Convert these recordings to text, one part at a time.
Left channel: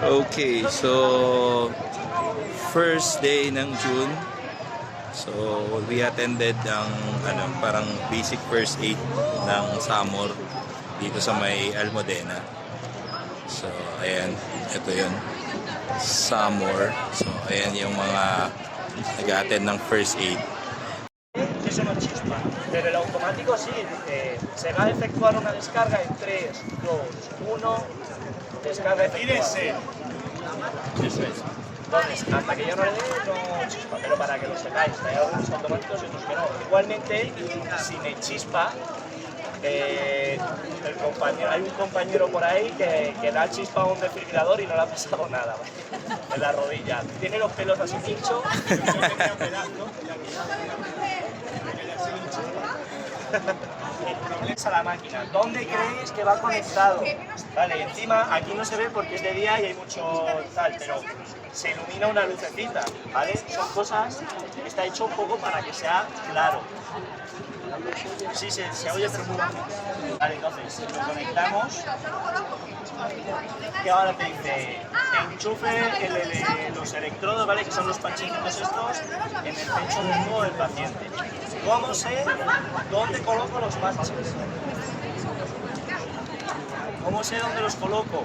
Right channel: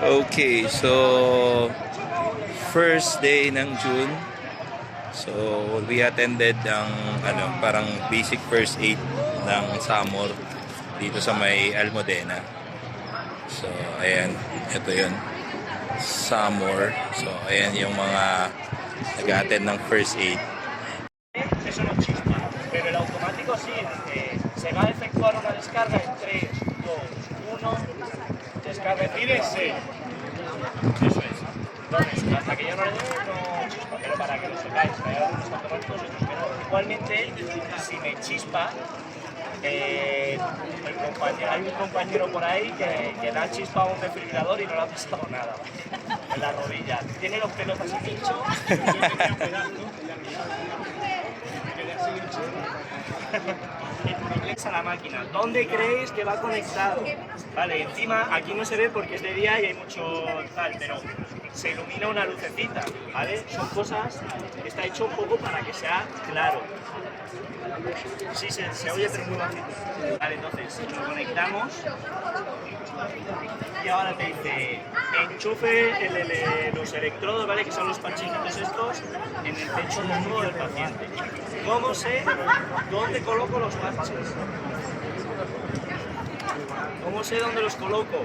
Okay, so first day ng June. So we attended ang parang basic first aid ng Samor dito sa may Almudena. So ayan, ito 'yun. Samor. So ayan yung mga nag-attend ng first aid. Eso no chispa, pero el automático sí, dice, se va a efectuar una descarga en 3, 2, 1, descarga efectuada. Eso es. Entonces, hasta que yo no le dé, no chispa, pero para que lo sepáis, que hay algunos automáticos y otros que no. Igualmente, si me chispa, hay un compañero por ahí que le ha chispado un desfibrilador y no le ha pasado nada, ¿vale? En la rodilla. Tiene los pelos así pinchos. A la máquina. ¿Dónde creéis que va conectado? Vale, encima aquí no se ve porque es de día y hay mucho tal, pero se ilumina una lucecita, ¿vale? Son cosas, está hecho un poco para que sea claro. Sí, se oye perfectamente. Vale, entonces lo conectamos y ahora te dice enchufe los electrodos, ¿vale? Que son los panchitos estos en el pecho desnudo del paciente. ¿Cómo sé dónde coloco los parches? ¿Cómo sé dónde los coloco?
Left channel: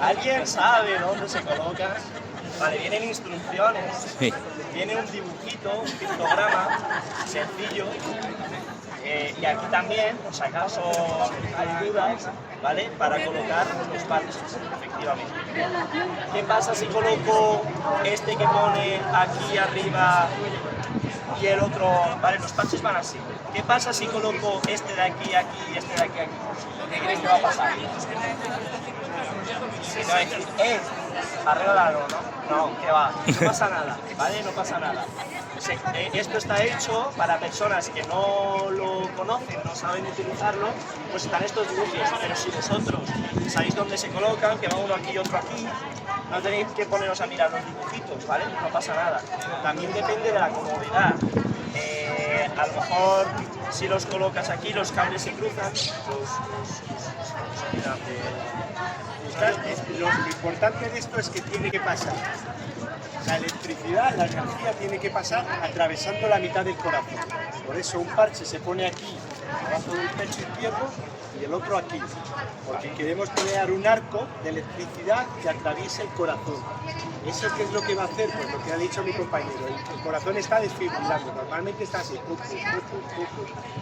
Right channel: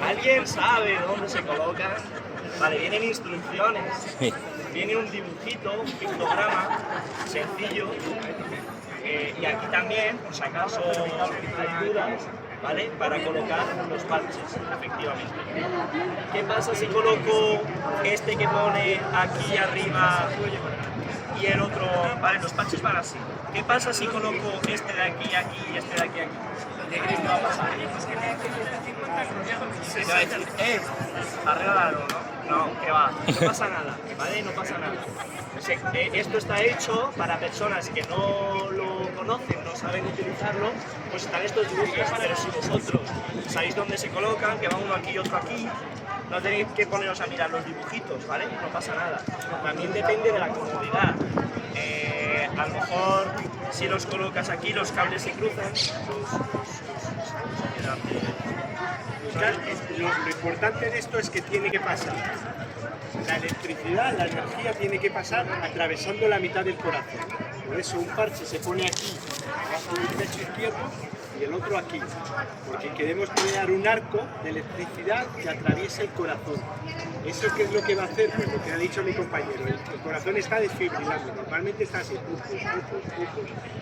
¿Alguien sabe dónde se colocan? Vale, vienen instrucciones, viene un dibujito, un pictograma sencillo, y aquí también, por si acaso hay dudas, ¿vale? Para colocar los parches, efectivamente. ¿Qué pasa si coloco este que pone aquí arriba y el otro? Vale, los parches van así. ¿Qué pasa si coloco este de aquí, aquí y este de aquí, aquí? ¿Qué crees que va a pasar? Se va a decir, arréglalo, ¿no? No, que va, no pasa nada, ¿vale? No pasa nada. Esto está hecho para personas que no lo conocen, no saben utilizarlo, pues están estos dibujos, pero si vosotros sabéis dónde se colocan, que va uno aquí y otro aquí, no tenéis que poneros a mirar los dibujitos, ¿vale? No pasa nada. También depende de la comodidad. A lo mejor si los colocas aquí, los cables se cruzan. Lo importante de esto es que tiene que pasar. La electricidad, la energía tiene que pasar atravesando la mitad del corazón. Por eso un parche se pone aquí, abajo del pecho izquierdo, y el otro aquí. Porque queremos crear un arco de electricidad que atraviese el corazón. ¿Eso qué es lo que va a hacer? Pues lo que ha dicho mi compañero. El corazón está desfibrilando. Normalmente está así.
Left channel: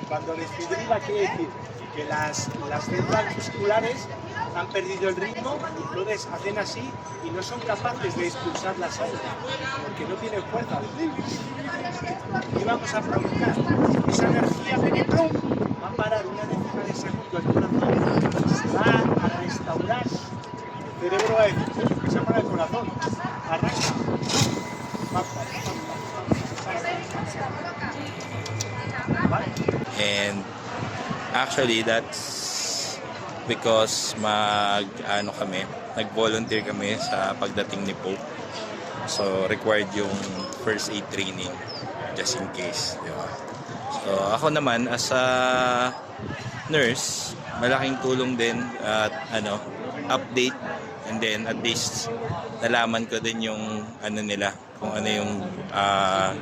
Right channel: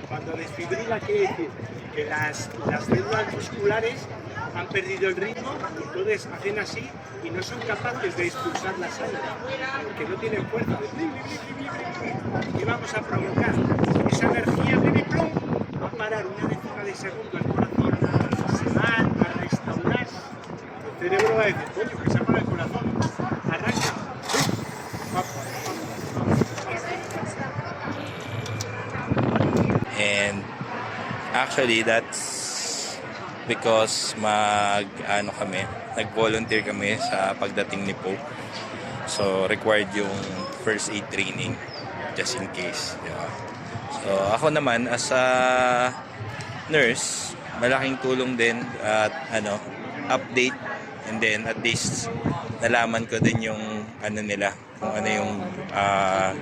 Cuando desfibrila quiere decir que las células musculares han perdido el ritmo y entonces hacen así y no son capaces de expulsar la sangre porque no tienen fuerza. ¿Qué vamos a provocar? Esa energía de plum va a parar una décima de segundo al corazón, se va a restaurar. El cerebro va a decir, oye, que se ha parado el corazón, arranca. And actually that's because nag-volunteer kami sa pagdating ni Pope. So required yung first aid training just in case, di ba? So ako naman as a nurse, malaking tulong din at update, and then at least nalaman ko din yung nila, kung ano yung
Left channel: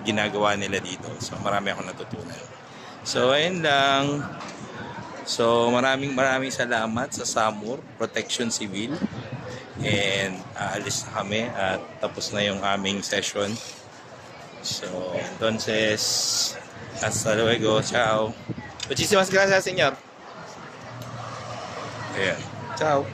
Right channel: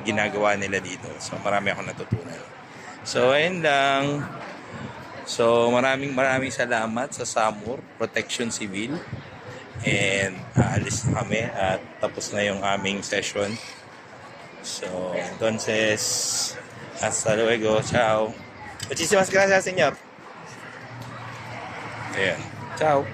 ginagawa nila dito. So marami akong natutunan. So ayun lang. So maraming salamat sa Samor Protection Civil, and aalis na kami at tapos na yung aming session. So entonces hasta luego, ciao. Muchísimas gracias, señor. Ayan, ciao.